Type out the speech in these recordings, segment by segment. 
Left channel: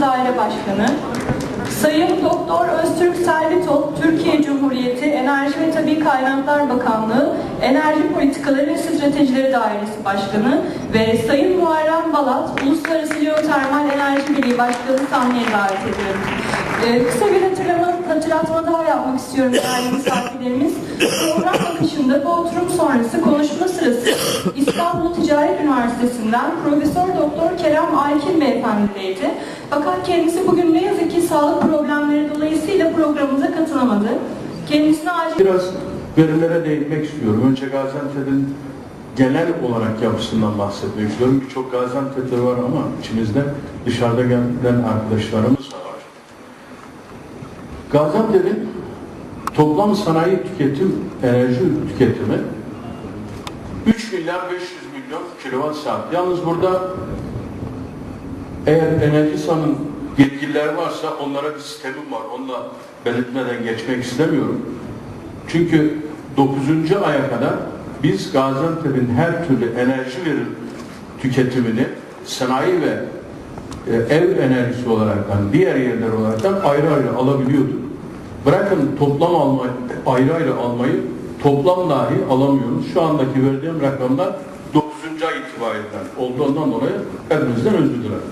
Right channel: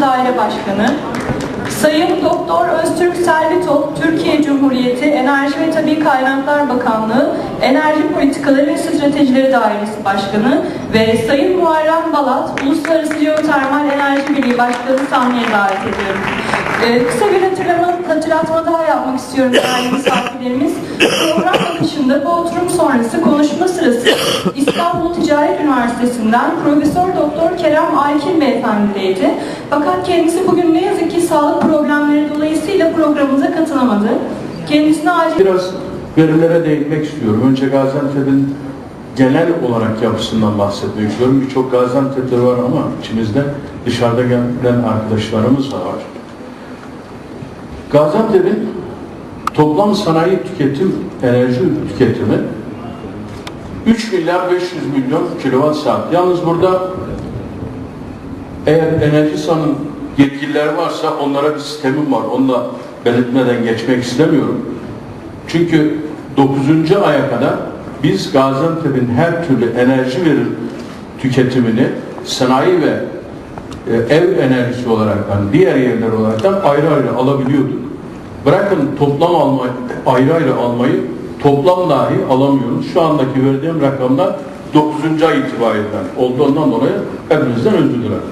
Daire Başkanı, Sayın Doktor Öztürk Selvitop, Türkiye Cumhuriyeti Enerji ve Tabi Kaynaklar Bakanlığı Enerji Politikaları ve Stratejileri Dairesi Başkanı ve Sayın Muharrem Balat, Uluslararası Jeotermal Enerji Birliği Başkanı sahneye davet ediyorum. Ee, kısa bir hatırlama, hatırlatma daha yapmak istiyorum değerli misafirlerimiz. Program akışında bu oturum sonrası konuşma sırası Üniversitesi'nden Profesör Doktor Kerem Aykil Beyefendi'deydi. Fakat kendisi bugün ne yazık ki sağlık problemleri dolayısıyla programımıza katılamadı. Kendisine acil Biraz verilere değinmek istiyorum. Önce Gaziantep'in genel olarak yapısından bahsetmek istiyorum. Birçok Gaziantep'te var ama içimizde dışarıda gelen arkadaşlarımız da var. Gaziantep'in toplam sanayi tüketim, enerji tüketimi 3 milyar 500 milyon kilowatt saat. Yalnız burada eğer Enerjisa'nın yetkilileri varsa onlara bir sistemim var. Onu da belirtmeden geçmek istemiyorum. Çünkü 9. aya kadar biz Gaziantep'in her türlü enerji verir tüketimini sanayi ve e, ev enerjisi olaraktan, diğer yerler olaraktan ayrı ayrı alabiliyorduk. Bırakın toplam alma, ayrı ayrı almayı toplam dahi alamıyoruz. Şu andaki verdiğim rakamlar 9. ay itibariyle olduğundan dolayı hepinizden özür dilerim.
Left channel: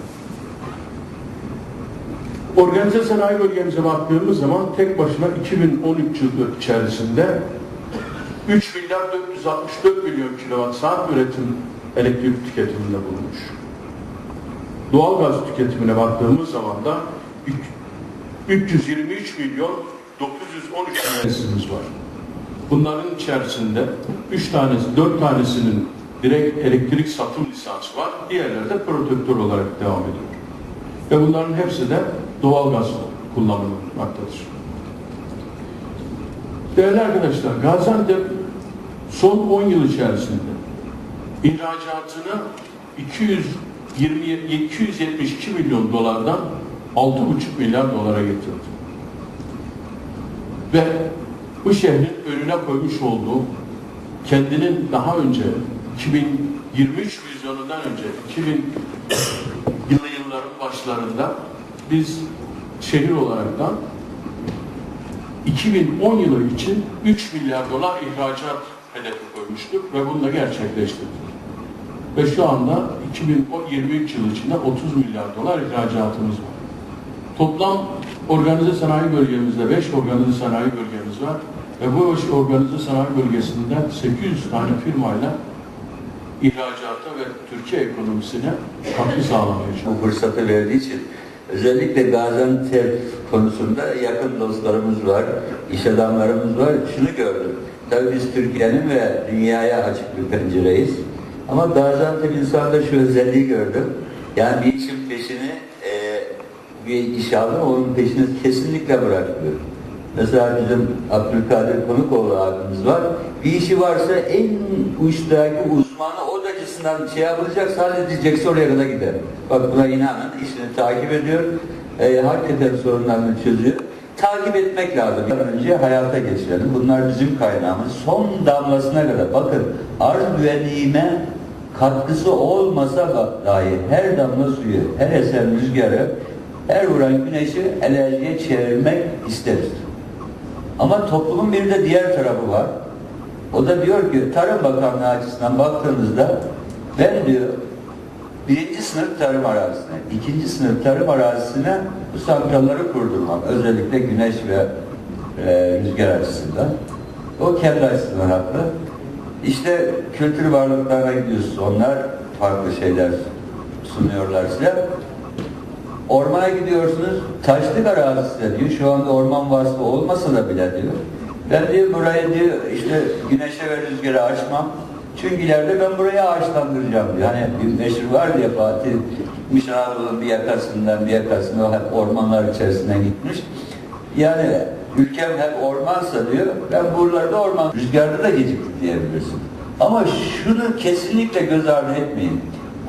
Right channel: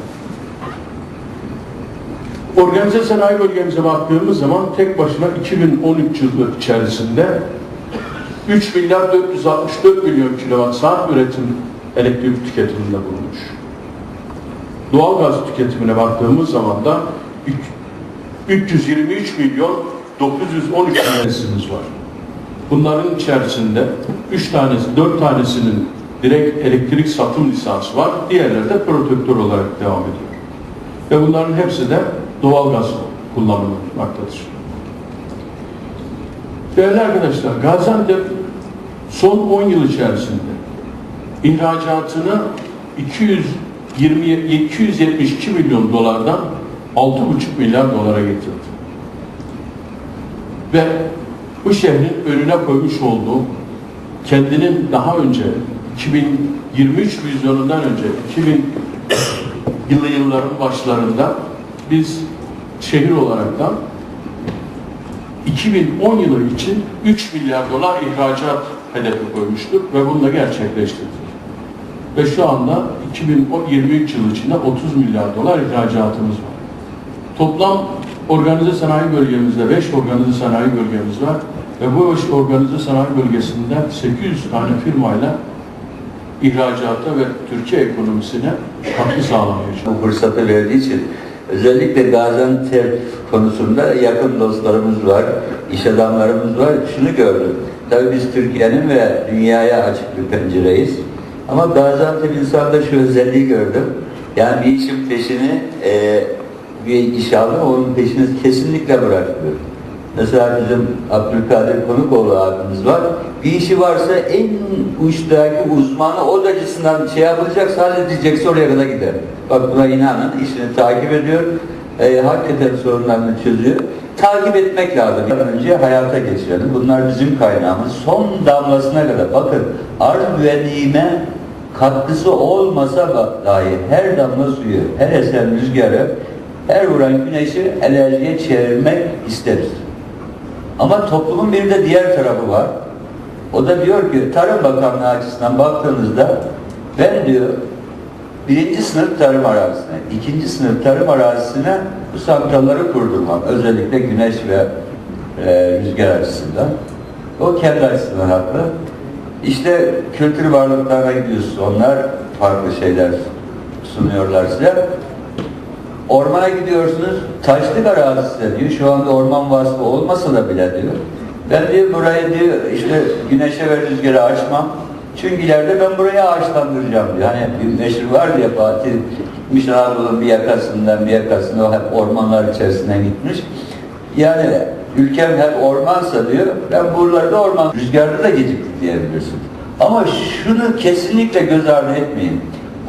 Organize sanayi bölgemize baktığımız zaman tek başına 2013 yılı içerisinde 3 milyar 464 milyon kilowatt saat üretim elektrik tüketiminde bulunmuş. Doğalgaz tüketimine baktığımız zaman da 323 milyon 913 tanesimiz var. Bunların içerisinde 3 tanesi, 4 tanesinin direkt elektrik satım lisansı var. Diğerleri de protektör olarak devam ediyor. Ve bunların hepsi de doğalgaz kullanılmaktadır. Değerli arkadaşlar, Gaziantep son 10 yıl içerisinde ihracatını 220, 272 milyon dolardan 6,5 milyar dolara getirdi. Ve bu şehrin önüne koymuş olduğu kendinin daha önce 2023 vizyonundan önce 2000 yılı yılların başlarında biz şehir olaraktan 2010 yılı için 3 milyar dolar ihracat hedefi koymuştuk ve bunu da gerçekleştirdik. Ve şu anda 2023 yılı içinde 30 milyar dolar ihracatımız var. Toplam organize sanayi bölgemizde 5 organize sanayi bölgemiz var ve bu 5 organize sanayi bölgesinden 800 tane firmayla ihracata ve Türkiye ekonomisine katkı sağlamaya çalışıyoruz. bu fırsatı verdiği için özellikle Gaziantep konusunda yakın dostlarımız var, iş adamlarımız var. Şunu gördüm. Tabii biz Türkiye'nin ve dünyaya açık bir pencereyiz. Ama Gaziantep insanda şu özelliği gördüm. Yani bir işin peşini e, bir iş aldı onun peşini kesinlikle bırakmıyor. Mesela bizim Abdülkadir Konukoğlu abimiz var. Bir işi varsa en uçtaki uzmanı o açısından şey yapılacaksa halledecekse oraya kadar gider. Bak buna inanın işini takip ediyor. E, hakikaten sorunlarını çözüyor. Takip etmek lazım. Bir önce hayata geçirelim. Bunlar bizim kaynağımız. Son damlasına kadar. Bakın arz güvenliğime katkısı olmasa da dahi her damla suyu, her esen rüzgarı, her vuran güneşi enerjiye çevirmek isteriz. Ama toplumun bir de diğer tarafı var. O da diyor ki Tarım Bakanlığı açısından baktığınızda ben diyor birinci sınıf tarım arazisine, ikinci sınıf tarım arazisine bu santralları kurdurmam. Özellikle güneş ve e, rüzgar açısından. O kendi açısından haklı. İşte kültür varlıklarına gidiyorsunuz. Onlar farklı şeyler sunuyorlar size. Ormana gidiyorsunuz, taşlık arazisinde diyor. Şu anda orman vasfı olmasa da bile diyor. Ben diyor burayı diyor işte güneşe ve rüzgara açmam. Çünkü ileride ben burayı ağaçlandıracağım diyor. Hani bir meşhur var diye Fatih gitmiş Anadolu'nun bir yakasından bir yakasına hep ormanlar içerisinden gitmiş. Yani ülkem hep ormansa diyor, ben buralarda orman, rüzgarda da geciktik diyebilirsin. Ama şunu kesinlikle göz ardı etmeyin.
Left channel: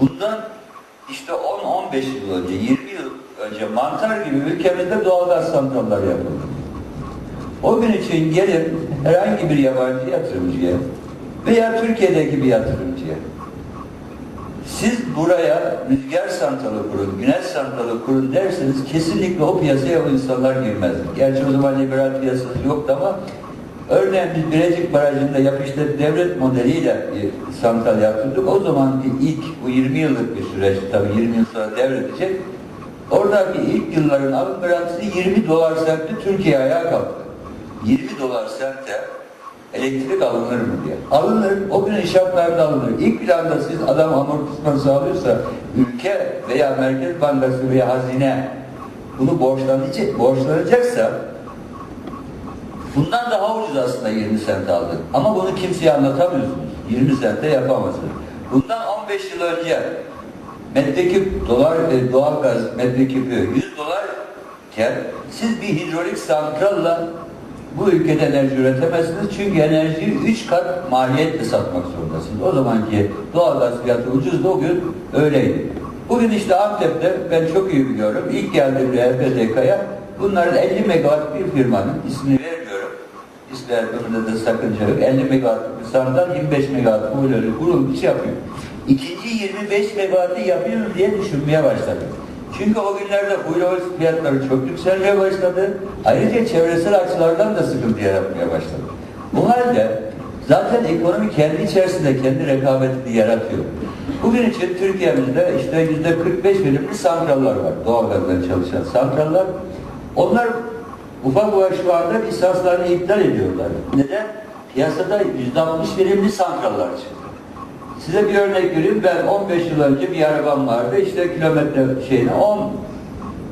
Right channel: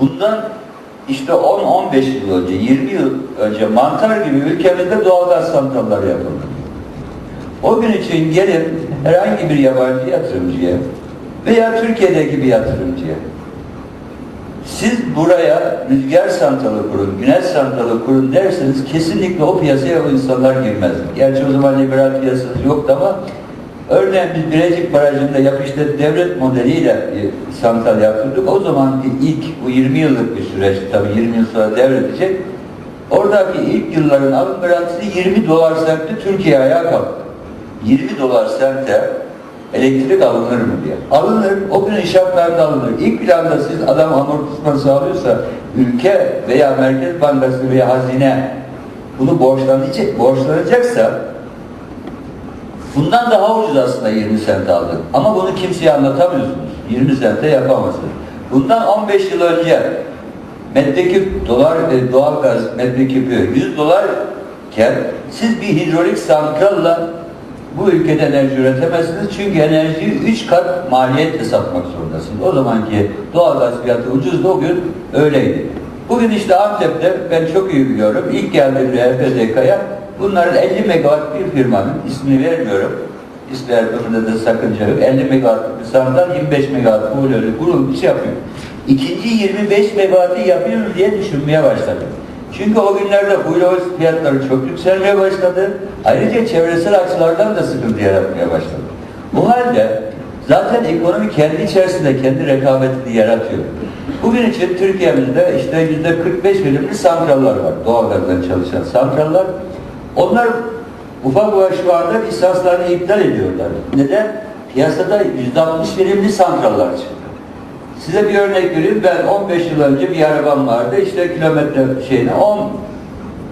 Bundan işte 10-15 yıl önce, 20 yıl önce mantar gibi ülkemizde doğalgaz santralları yapıldı. O gün için gelip herhangi bir yabancı yatırımcıya veya Türkiye'deki bir yatırımcıya Siz buraya rüzgar santralı kurun, güneş santralı kurun derseniz kesinlikle o piyasaya o insanlar girmez. Gerçi o zaman liberal piyasası yoktu ama örneğin biz Birecik Barajı'nda yapıştı devlet modeliyle bir santral yaptırdık. O zaman ilk bu 20 yıllık bir süreç tabii 20 yıl sonra devredecek. Oradaki ilk yılların alım garantisi 20 dolar sentti Türkiye ayağa kalktı. 20 dolar sente elektrik alınır mı diye. Alınır, o gün şartlarda alınır. İlk planda siz adam amortisman sağlıyorsa ülke veya Merkez Bankası veya hazine bunu borçlanacak, borçlanacaksa bundan daha ucuz aslında 20 sent aldık. Ama bunu kimseye anlatamıyorsunuz. 20 sente yapamazsınız. Bundan 15 yıl önce metreküp dolar e, doğalgaz metreküpü 100 dolarken siz bir hidrolik santralla bu ülkede enerji üretemezsiniz. Çünkü enerjiyi 3 kat maliyetle satmak zorundasınız. O zamanki doğalgaz fiyatı ucuzdu o gün öyleydi. Bugün işte Antep'te ben çok iyi biliyorum. İlk geldiğimde HPDK'ya bunların 50 megawatt bir firmanın ismini vermiyorum. İsmi vermemde de sakınca yok. 50 megawatt bir santral 25 megawatt boiler'ı kurulmuş yapıyor. İkinci 25 megawattı yapıyoruz diye düşünmeye başladım. Çünkü o günlerde huyloz fiyatları çok yükselmeye başladı. Ayrıca çevresel açılardan da sıkıntı yaratmaya başladı. Bu halde zaten ekonomi kendi içerisinde kendi rekabetini yaratıyor. Bugün için Türkiye'mizde işte yüzde 45 birimli santraller var. Doğalgazdan çalışan santraller. Onlar ufak ufak şu anda lisanslarını iptal ediyorlar. Neden? Piyasada yüzde 60 birimli santraller çıktı. Size bir örnek vereyim. Ben 15 yıl önce bir arabam vardı. İşte kilometre şeyine 10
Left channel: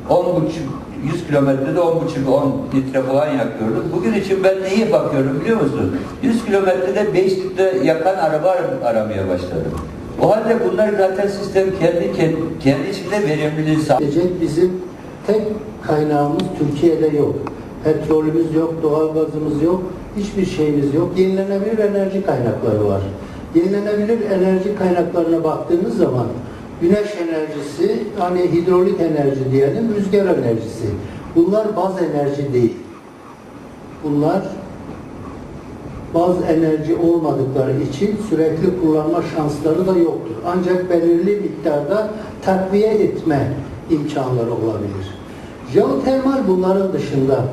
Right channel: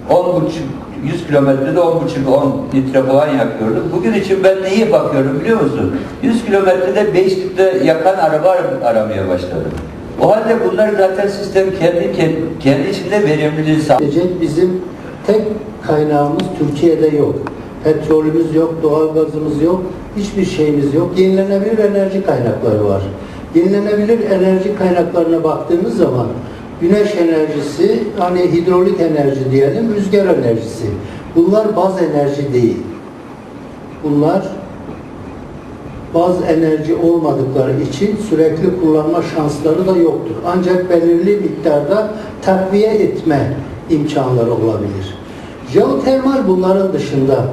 10 buçuk 100 kilometrede 10 buçuk 10 litre falan yakıyordum. Bugün için ben neyi bakıyorum biliyor musun? 100 kilometrede 5 litre yakan araba ar- aramaya başladım. O halde bunlar zaten sistem kendi kendi, kendi içinde verimliliği. Gelecek bizim tek kaynağımız Türkiye'de yok. Petrolümüz yok, doğalgazımız yok, hiçbir şeyimiz yok. Yenilenebilir enerji kaynakları var. Yenilenebilir enerji kaynaklarına baktığımız zaman güneş enerjisi, hani hidrolik enerji diyelim, rüzgar enerjisi. Bunlar baz enerji değil. Bunlar baz enerji olmadıkları için sürekli kullanma şansları da yoktur. Ancak belirli miktarda takviye etme imkanları olabilir. Jeotermal bunların dışında.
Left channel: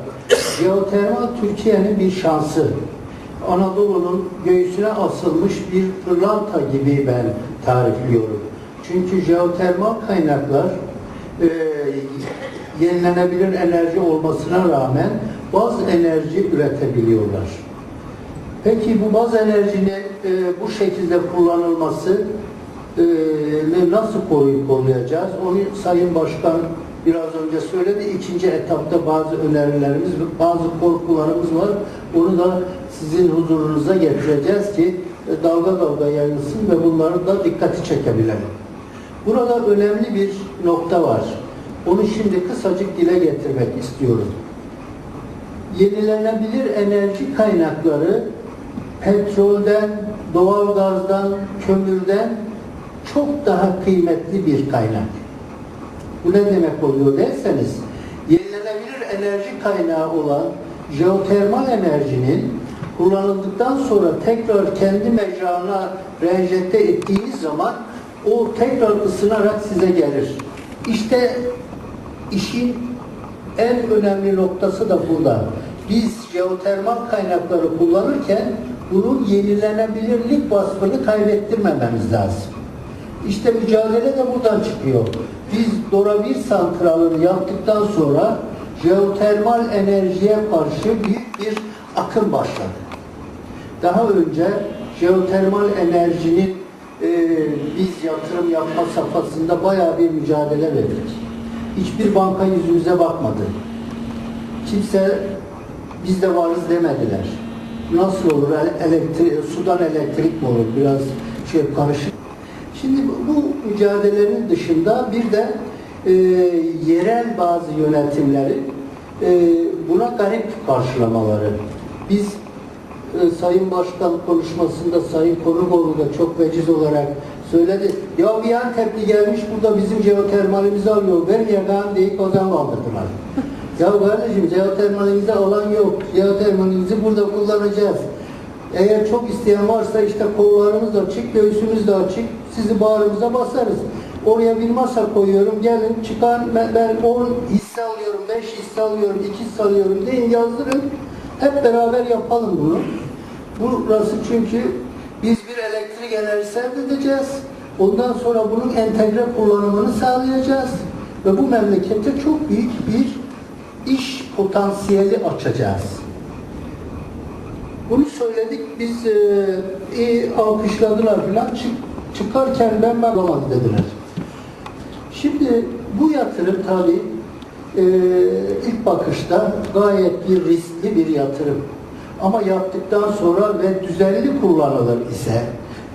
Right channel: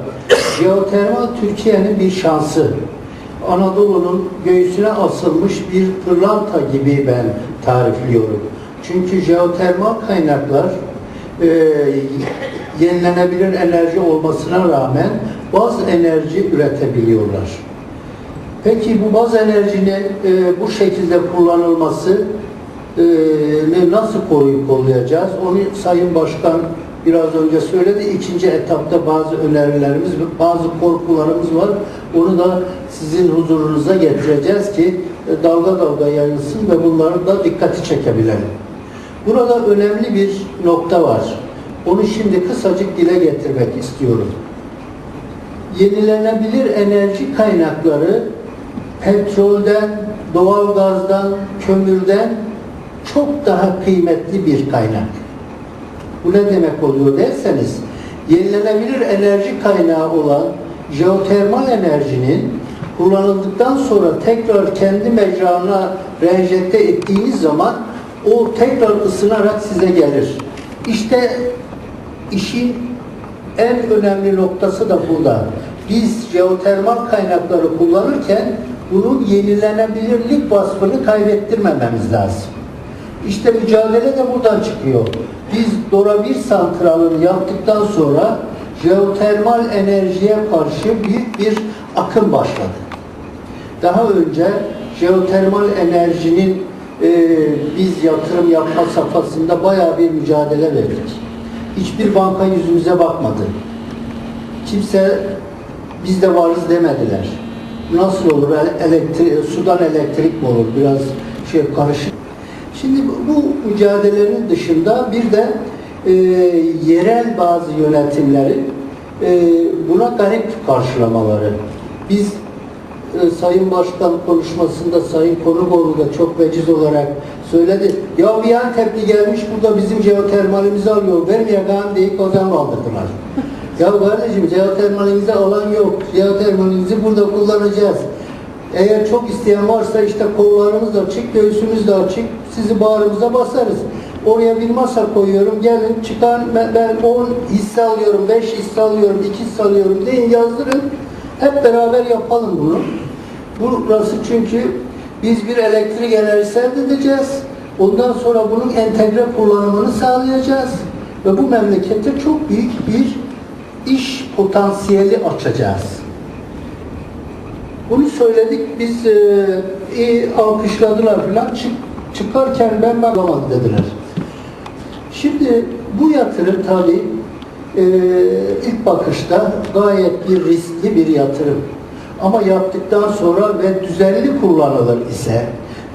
Jeotermal Türkiye'nin bir şansı. Anadolu'nun göğsüne asılmış bir pırlanta gibi ben tarifliyorum. Çünkü jeotermal kaynaklar e, yenilenebilir enerji olmasına rağmen baz enerji üretebiliyorlar. Peki bu baz enerjinin e, bu şekilde kullanılması e, nasıl koruyup kollayacağız? Onu Sayın Başkan biraz önce söyledi. İkinci etapta bazı önerilerimiz, bazı korkularımız var. Onu da sizin huzurunuza getireceğiz ki e, dalga dalga yayılsın ve bunları da dikkati çekebilelim. Burada önemli bir nokta var. Onu şimdi kısacık dile getirmek istiyorum. Yenilenebilir enerji kaynakları petrolden, doğalgazdan, kömürden çok daha kıymetli bir kaynak. Bu ne demek oluyor derseniz, yenilenebilir enerji kaynağı olan jeotermal enerjinin kullanıldıktan sonra tekrar kendi mecrana reenjekte ettiğiniz zaman o tekrar ısınarak size gelir. İşte işin en önemli noktası da burada. Biz jeotermal kaynakları kullanırken bunun yenilenebilirlik vasfını kaybettirmememiz lazım. İşte mücadele de buradan çıkıyor. Biz Dora 1 santralını yaptıktan sonra jeotermal enerjiye karşı büyük bir akım başladı. Daha önce jeotermal enerjinin e, biz yatırım yapma safhasında bayağı bir mücadele verdik. Hiçbir banka yüzümüze bakmadı. Kimse biz de varız demediler. Nasıl olur? Elektrik, sudan elektrik mi olur? Biraz şey karışık. Şimdi bu, mücadelenin dışında bir de e, yerel bazı yönetimlerin e, buna garip karşılamaları. Biz e, Sayın Başkan konuşmasında Sayın Konukoğlu da çok veciz olarak söyledi. Ya bir Antepli gelmiş burada bizim jeotermalimizi alıyor. Vermeyeceğim deyip ozan kaldırdılar. ya kardeşim jeotermalimizi alan yok. Jeotermalimizi burada kullanacağız. Eğer çok isteyen varsa işte kollarımız da açık, göğsümüz de açık. Sizi bağrımıza basarız. Oraya bir masa koyuyorum. Gelin çıkan ben- ben 10 hisse alıyorum, 5 hisse alıyorum, 2 hisse alıyorum deyin yazdırın. Hep beraber yapalım bunu. Burası çünkü biz bir elektrik enerjisi elde edeceğiz. Ondan sonra bunun entegre kullanımını sağlayacağız. Ve bu memlekete çok büyük bir iş potansiyeli açacağız. Bunu söyledik, biz e, iyi alkışladılar falan. Çık, çıkarken ben bakamadı dediler. Şimdi bu yatırım tabii e, ilk bakışta gayet bir riskli bir yatırım. Ama yaptıktan sonra ve düzenli kullanılır ise,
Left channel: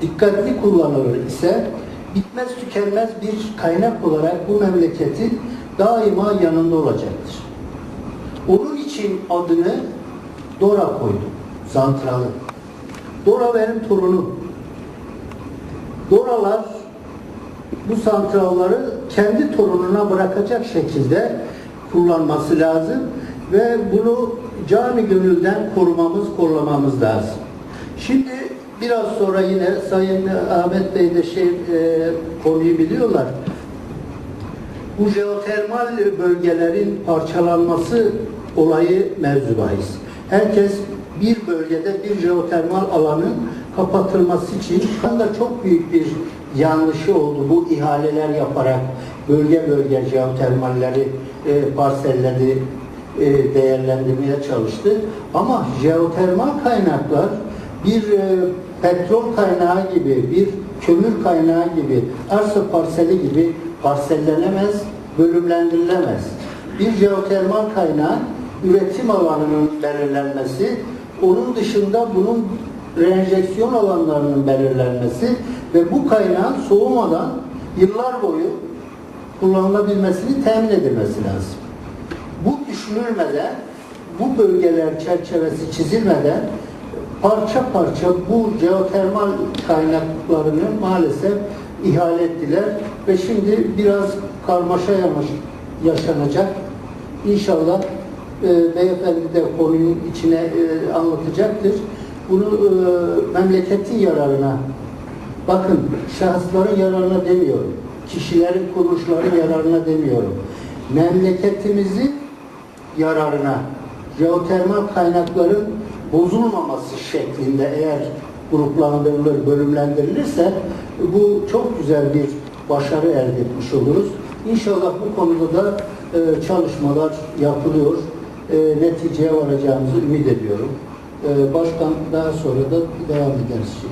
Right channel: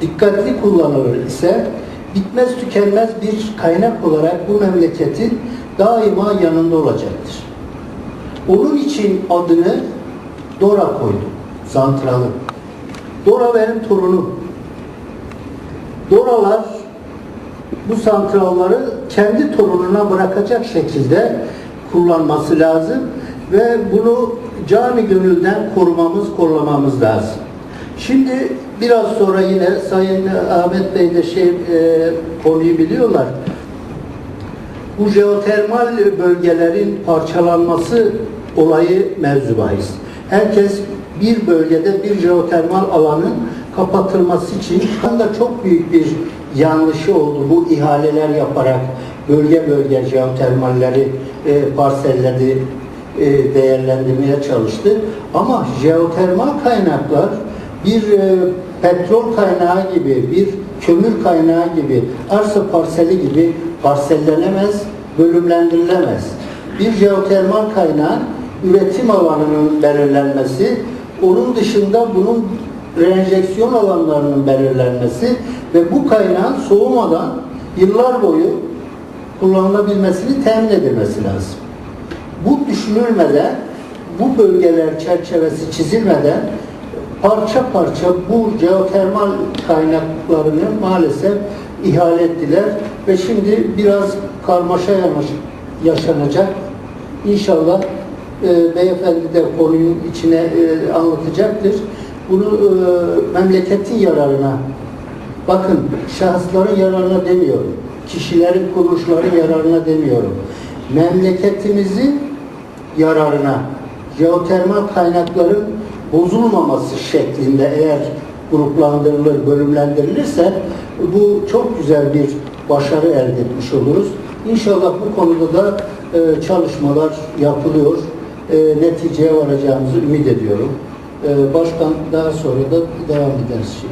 dikkatli kullanılır ise bitmez tükenmez bir kaynak olarak bu memleketin daima yanında olacaktır. Onun için adını Dora koydum. Santralı. Dora benim torunum. Doralar bu santralları kendi torununa bırakacak şekilde kullanması lazım ve bunu cani gönülden korumamız, kollamamız lazım. Şimdi biraz sonra yine Sayın Ahmet Bey de şey e, konuyu biliyorlar. Bu jeotermal bölgelerin parçalanması olayı mevzu bahis. Herkes bir bölgede bir jeotermal alanın kapatılması için da çok büyük bir yanlışı oldu. Bu ihaleler yaparak bölge bölge jeotermalleri e, parselleri e, değerlendirmeye çalıştı. Ama jeotermal kaynaklar bir e, petrol kaynağı gibi, bir kömür kaynağı gibi, arsa parseli gibi parsellenemez, bölümlendirilemez. Bir jeotermal kaynağın üretim alanının belirlenmesi, onun dışında bunun reenjeksiyon alanlarının belirlenmesi ve bu kaynağın soğumadan yıllar boyu kullanılabilmesini temin edilmesi lazım. Bu düşünülmeden, bu bölgeler çerçevesi çizilmeden parça parça bu jeotermal kaynaklarını maalesef ihale ettiler ve şimdi biraz karmaşa yaşanacak. İnşallah e, beyefendi de konunun içine e, anlatacaktır. Bunu e, memleketin yararına, bakın şahısların yararına demiyorum, kişilerin, kuruluşların yararına demiyorum. Memleketimizin yararına, jeotermal kaynakların bozulmaması şeklinde eğer gruplandırılır, bölümlendirilirse bu çok güzel bir başarı elde etmiş oluruz. İnşallah bu konuda da e, çalışmalar yapılıyor. E, neticeye varacağımızı ümit ediyorum. E, başkan daha sonra da devam ederiz. Şey.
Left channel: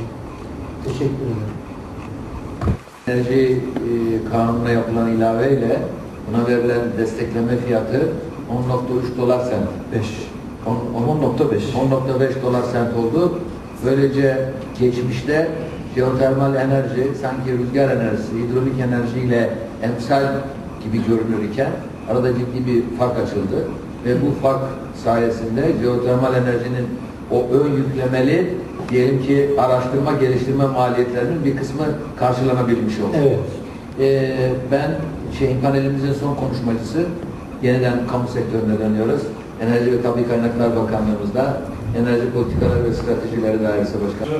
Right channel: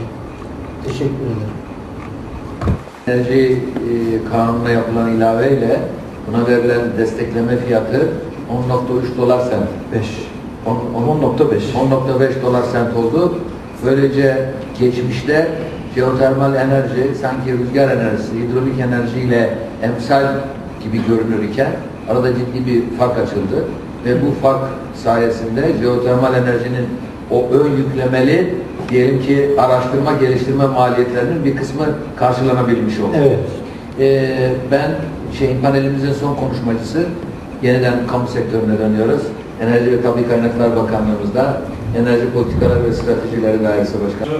Teşekkür ederim. Enerji e, kanununa yapılan ilaveyle buna verilen destekleme fiyatı 10.3 dolar sent. 5. 10.5. 10.5 dolar sent oldu. Böylece geçmişte jeotermal enerji sanki rüzgar enerjisi, hidrolik enerjiyle emsal gibi görünür iken arada ciddi bir fark açıldı. Ve bu fark sayesinde jeotermal enerjinin o ön yüklemeli diyelim ki araştırma geliştirme maliyetlerinin bir kısmı karşılanabilmiş oldu. Evet. Ee, ben şeyin panelimizin son konuşmacısı yeniden kamu sektörüne dönüyoruz. Enerji ve Tabi Kaynaklar Bakanlığımızda Enerji Politikaları ve Stratejileri Dairesi Başkanı.